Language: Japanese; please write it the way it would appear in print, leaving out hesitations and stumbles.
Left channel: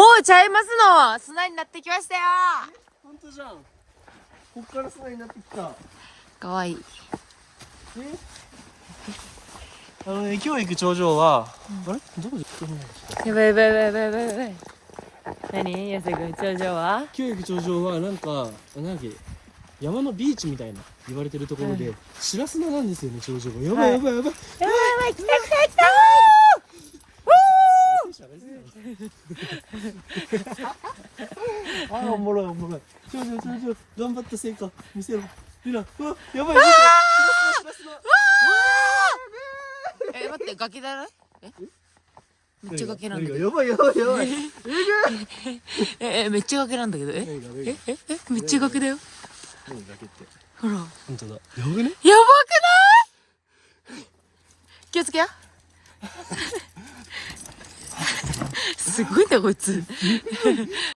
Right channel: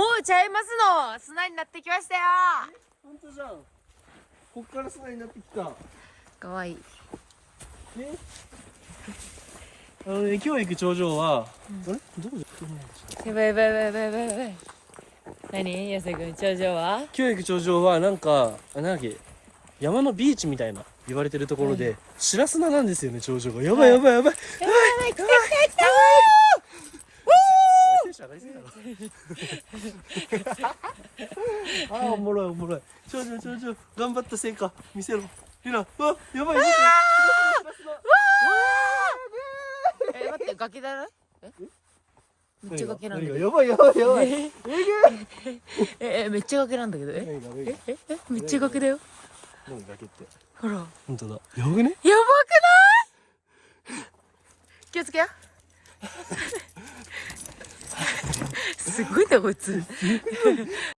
もうちゃいますの。砂になってきましたよ。ほんとじゃん。こっから砂になってきた。かわいい。今日行く頂上は、あれどこでやばいやばいやばいやばいやばいやばい。何やさくん、頂上は？今日行く頂上はなんか、なんだっけ、山のビーチみたいな言われてるところで、白砂なんですよね、頂上が。やばいやばいやばい。来た来た来た。ああ、おもろいおもろい。頂上頂上、頑張った成果見せろ。見ろ。うわ、やばい。待って、崖だろ？めっちゃ崖なんだけど。やばいやばいやばい。めっちゃ崖なんだけど。めっちゃ崖だよ。ほら。本当だ。やばくね？やばくない？気をつけよ。すごいなこいつ。